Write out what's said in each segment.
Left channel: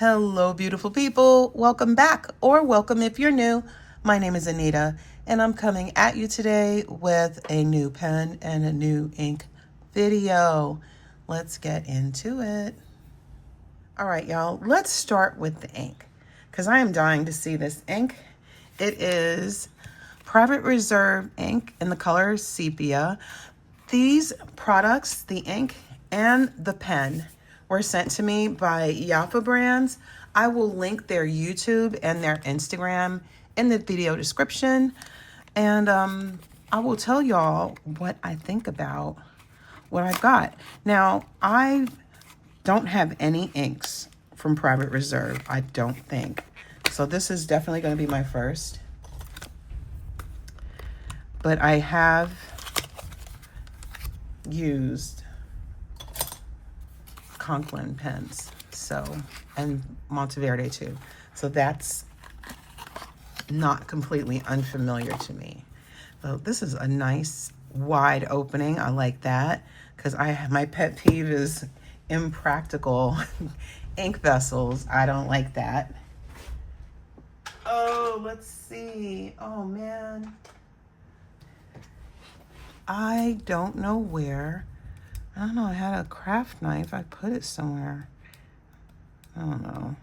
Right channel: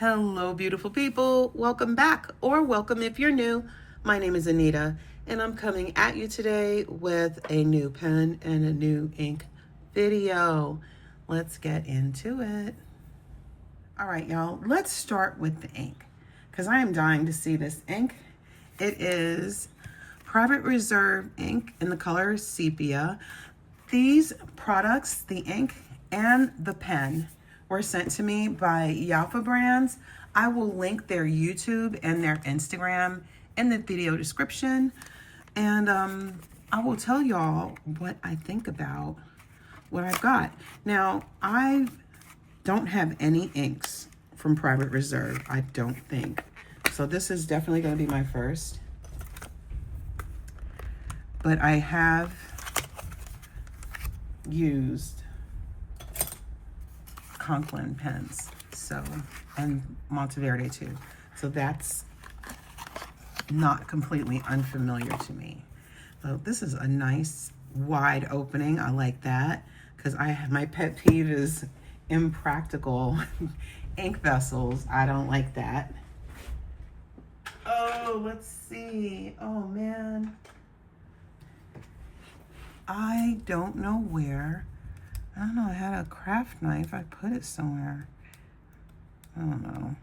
Hello, beautiful people. Welcome back, or welcome if you're new. My name is Anita, and I'm coming at you today with a new pen and a new ink video. Let's get into it. All right, y'all, let's start with the ink because I am dying to see this ink. It is Private Reserve ink in the color Sepia. These products, the ink and the pen, were sent to me by Yafa Brands. I will link their YouTube and their Instagram in the video description. And I will tell y'all what I think about what I've got. Now, I don't have any inks from Private Reserve, I don't think. So this is definitely going to be my first. But I have used Conklin pens, and Monteverde too. So that's not completely unfamiliar to me. So this is a nice wide opening. I like that because my pet peeve is impractical ink vessels. I don't like that. Oh, let's see. Oh man. I don't know where. I don't know, I had a craft knife. I put it somewhere. I don't know.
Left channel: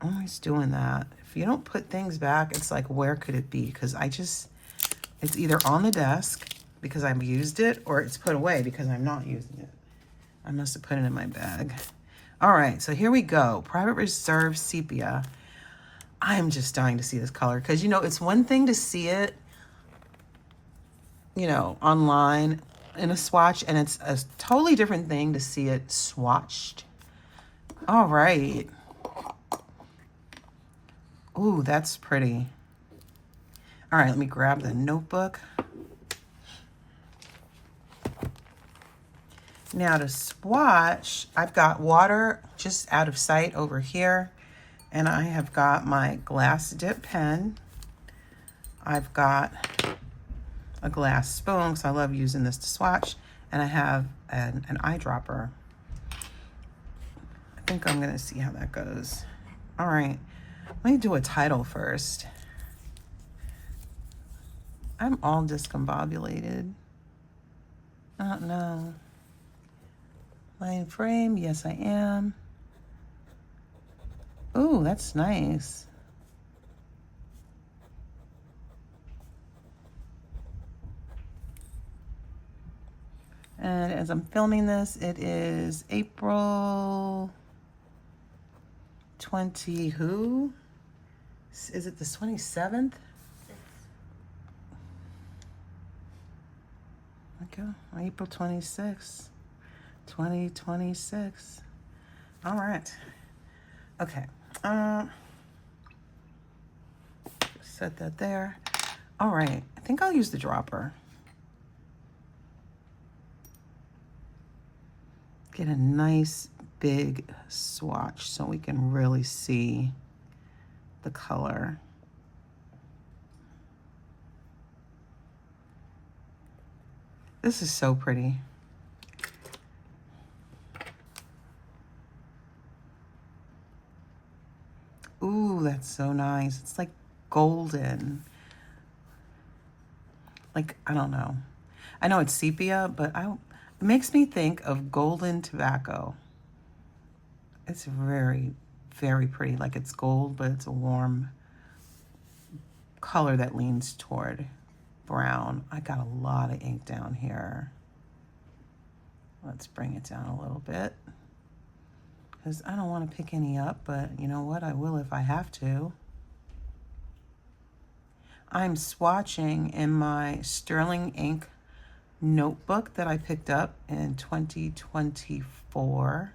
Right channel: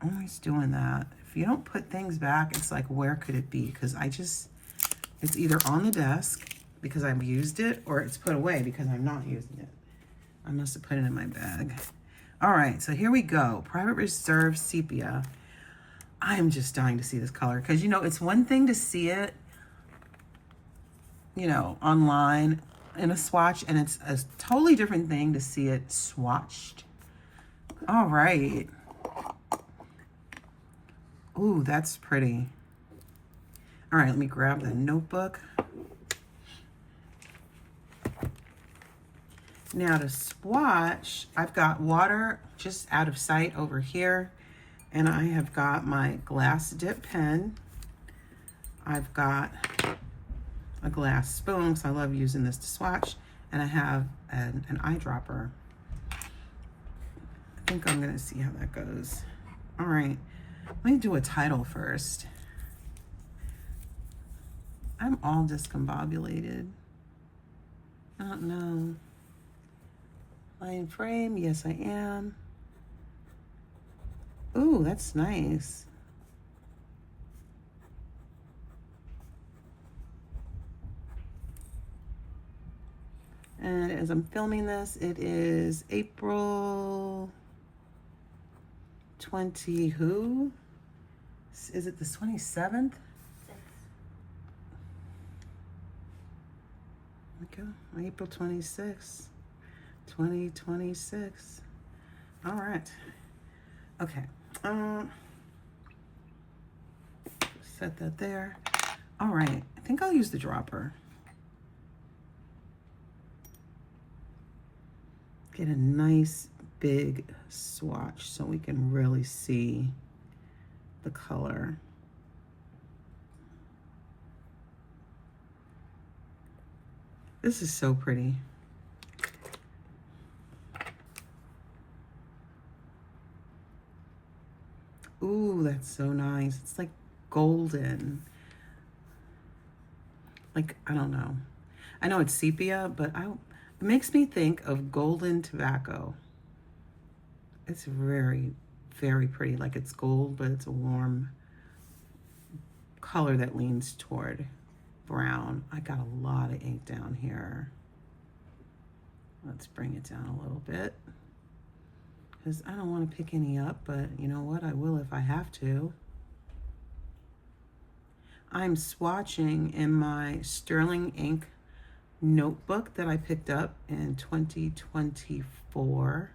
I'm always doing that. If you don't put things back, it's like, where could it be? Because it's either on the desk because I've used it, or it's put away because I'm not using it. I must have put it in my bag. All right, so here we go. Private Reserve Sepia. I am just dying to see this color because, it's one thing to see it, online in a swatch, and it's a totally different thing to see it swatched. All right. Ooh, that's pretty. All right, let me grab the notebook. Now to swatch, I've got water just out of sight over here, and I have got my glass dip pen. I've got a glass spoon, because I love using this to swatch, and I have an eyedropper. I think I'm gonna see how that goes. All right, let me do a title first. I'm all discombobulated. I don't know. Line frame, yes I am. Ooh, that's nice. And as I'm filming this, it is April 20 who? Is it the 27th? Okay, April 26th, 2026. All right. Okay. Set that there. All right. I think I'll use the dropper. Get a nice big swatch so we can really see the color. This is so pretty. Ooh, that's so nice. It's like golden. Like, I don't know. I know it's sepia, but it makes me think of golden tobacco. It's very, very pretty. Like it's gold, but it's a warm color that leans toward brown. I got a lot of ink down here. Let's bring it down a little bit, because I don't want to pick any up, but you know what? I will if I have to. I'm swatching in my Sterling ink notebook that I picked up in 2024.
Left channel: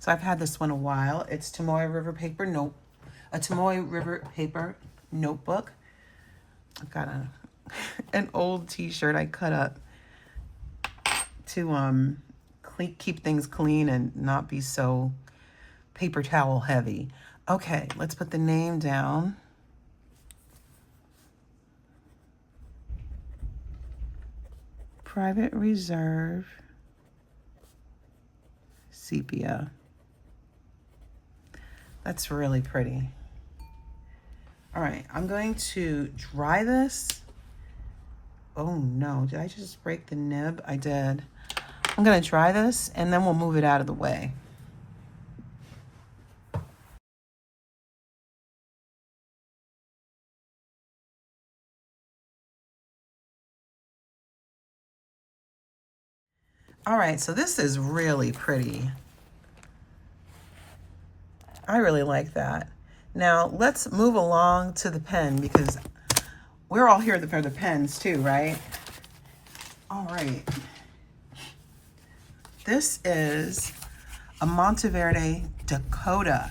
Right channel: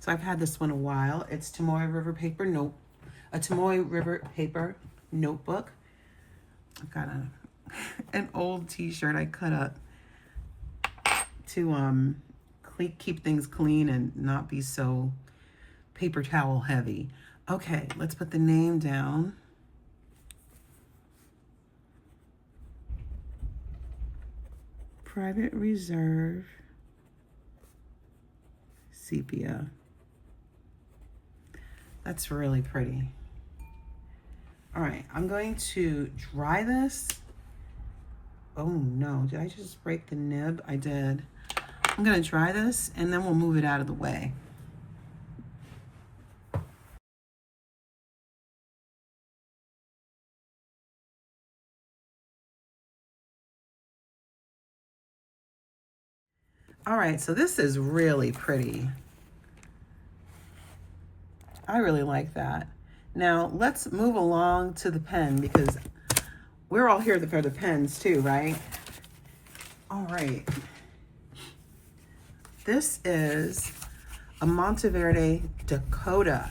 So I've had this one a while. It's Tomoe River Paper notebook. I've got an old t-shirt I cut up to keep things clean and not be so paper towel heavy. Okay, let's put the name down. Private Reserve Sepia. That's really pretty. All right, I'm going to dry this. Oh no, did I just break the nib? I did. I'm gonna dry this and then we'll move it out of the way. All right, so this is really pretty. I really like that. Now let's move along to the pen because we're all here for the pens too, right? All right. This is a Monteverde Dakota.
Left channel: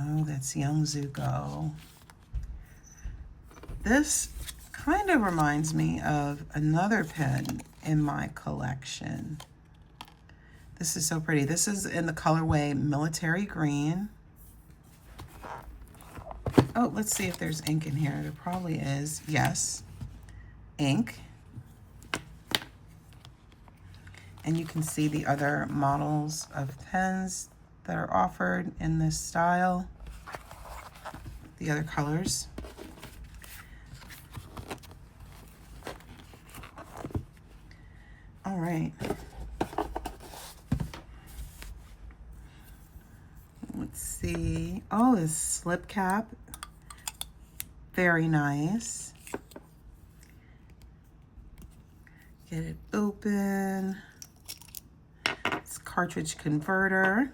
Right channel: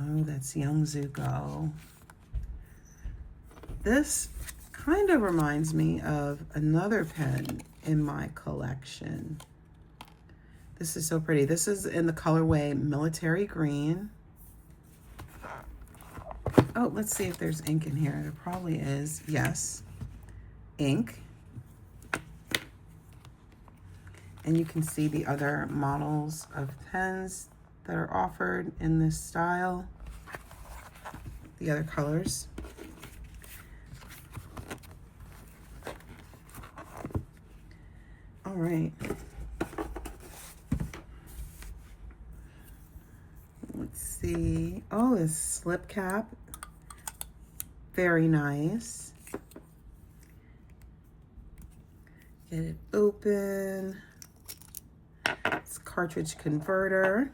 Oh, that's Young Zuko. This kind of reminds me of another pen in my collection. This is so pretty. This is in the colorway Military Green. Oh, let's see if there's ink in here. There probably is. Yes, ink. And you can see the other models of pens that are offered in this style, the other colors. All right. Let's see. Oh, this slip cap. Very nice. Get it open. It's cartridge converter.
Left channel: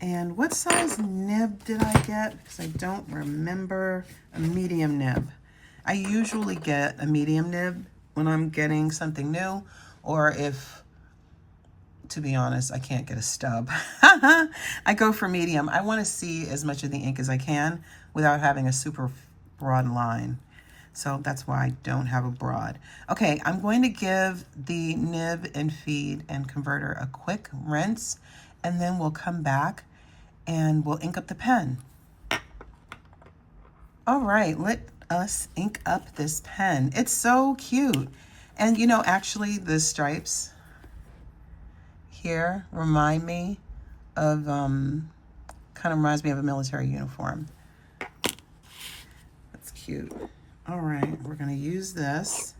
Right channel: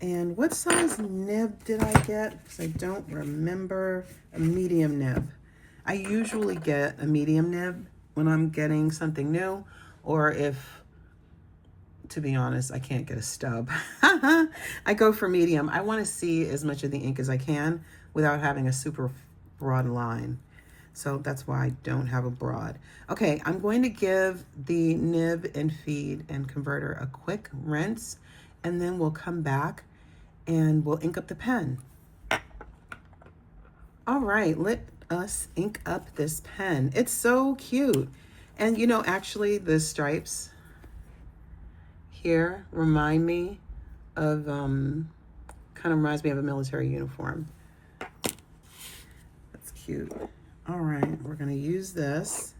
And what size nib did I get? Because I don't remember. A medium nib. I usually get a medium nib when I'm getting something new, or if, to be honest, I can't get a stub. I go for medium. I want to see as much of the ink as I can without having a super broad line. So that's why I don't have a broad. Okay, I'm going to give the nib and feed and converter a quick rinse, and then we'll come back and we'll ink up the pen. All right, let us ink up this pen. It's so cute. And you know, actually the stripes here remind me of, kind of reminds me of a military uniform. That's cute. All right, we're gonna use this.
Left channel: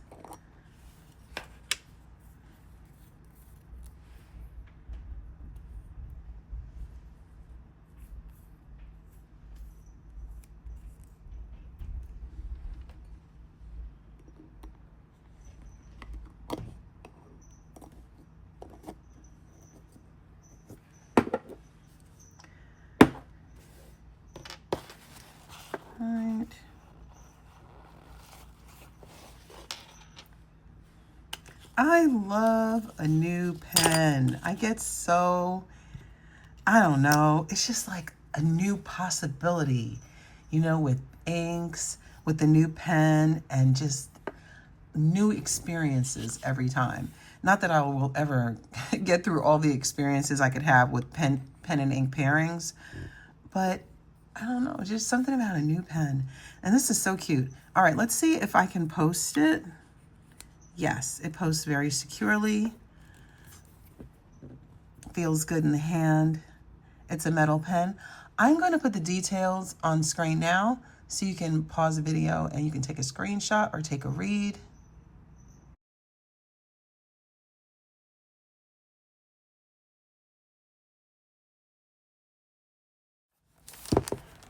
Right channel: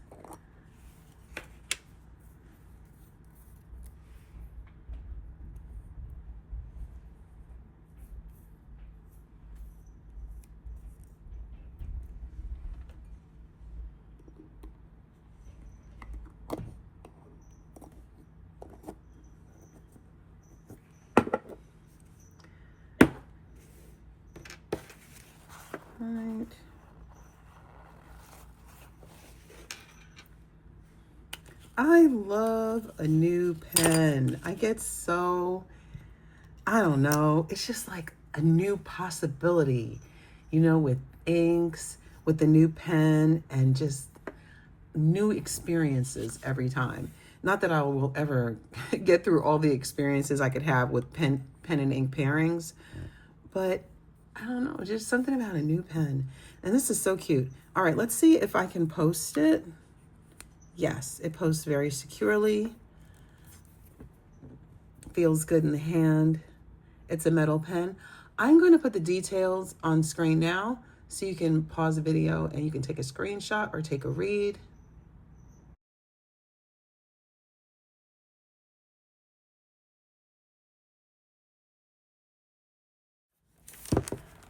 Right. I love a new pen. I get so, I don't know, it's just like a new possibility, you know, with inks, with the new pen, and just new experiences every time. Not that I will ever get through all the experiences I could have with pen and ink pairings, but I don't know, just something about a new pen. And this is so cute. All right, let's see if I can post it. Yes, it posts very securely. Feels good in the hand. It's a metal pen. I'm going to put the details on screen now so you can pause the video and you can take a screenshot or take a read.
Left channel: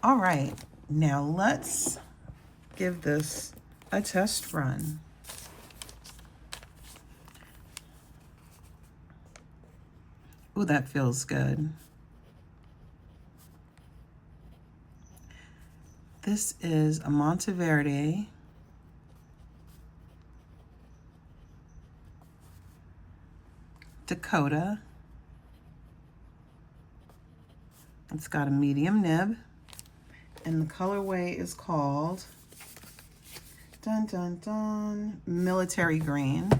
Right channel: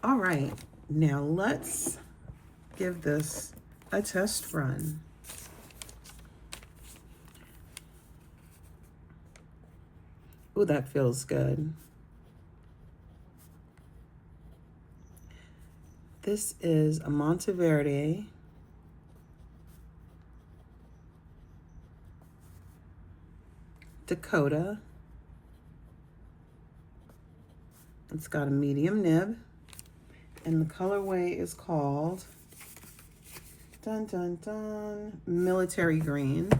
All right, now let's give this a test run. Ooh, that feels good. This is a Monteverde Dakota. It's got a medium nib, and the colorway is called, dun dun dun, Military Green.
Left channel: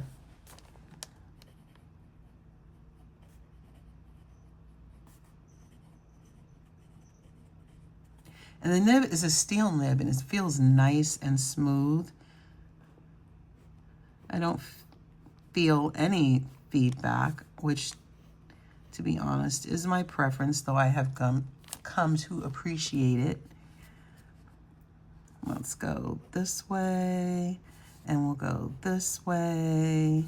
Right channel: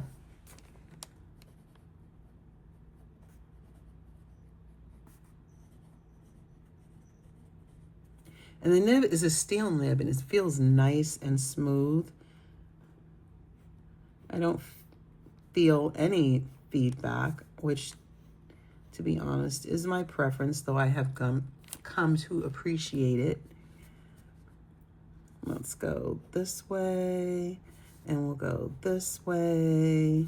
And the nib is a steel nib, and it feels nice and smooth. I don't feel any feedback, which, to be honest, is my preference, though I have come to appreciate it. Let's go this way, and we'll go this way.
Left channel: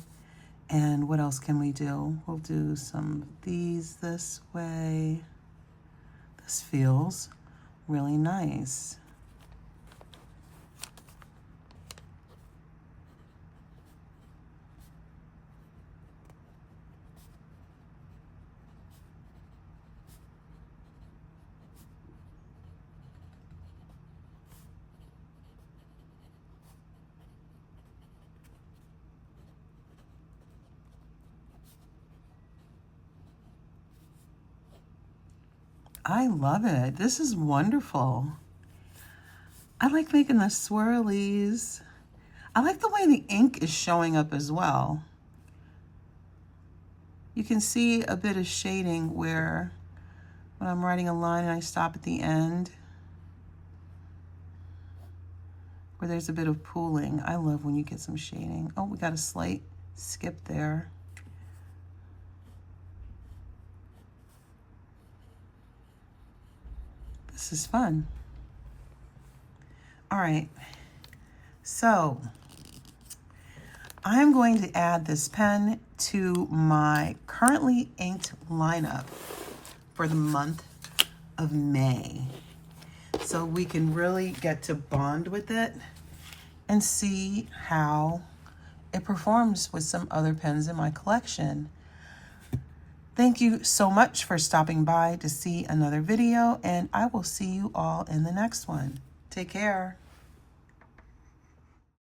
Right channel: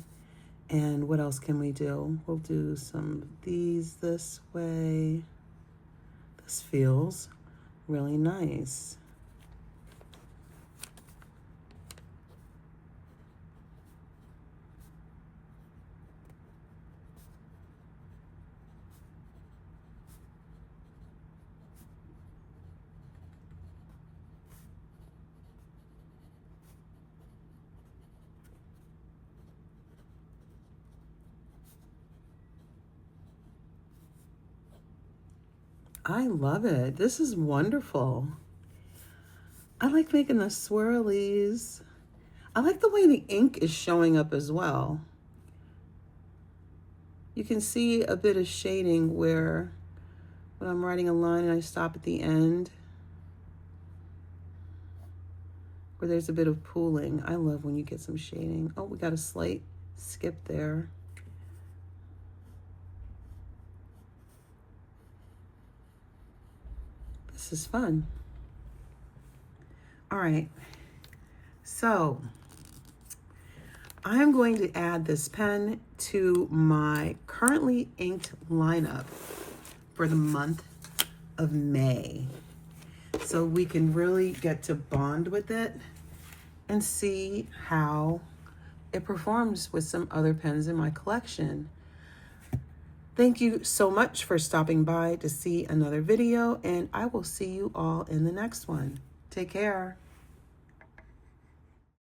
And what else can we do? We'll do some of these this way. This feels really nice. I love it. This is wonderful. I like making the swirlies. I like the way the ink is showing up as well. You can see a bit of shading where when I'm writing a line and I stop at the end, where there's a bit of pooling. I love when you get some shading. Oh, we got a slight skip there. This is fun. All right, so I'm going to add this pen to my currently inked lineup for the month of May, so we can really get to bond with it and see how it performs with some other pens in my collection. Thank you so much for stopping by to see another video, and I will see you all in the next one. Take care.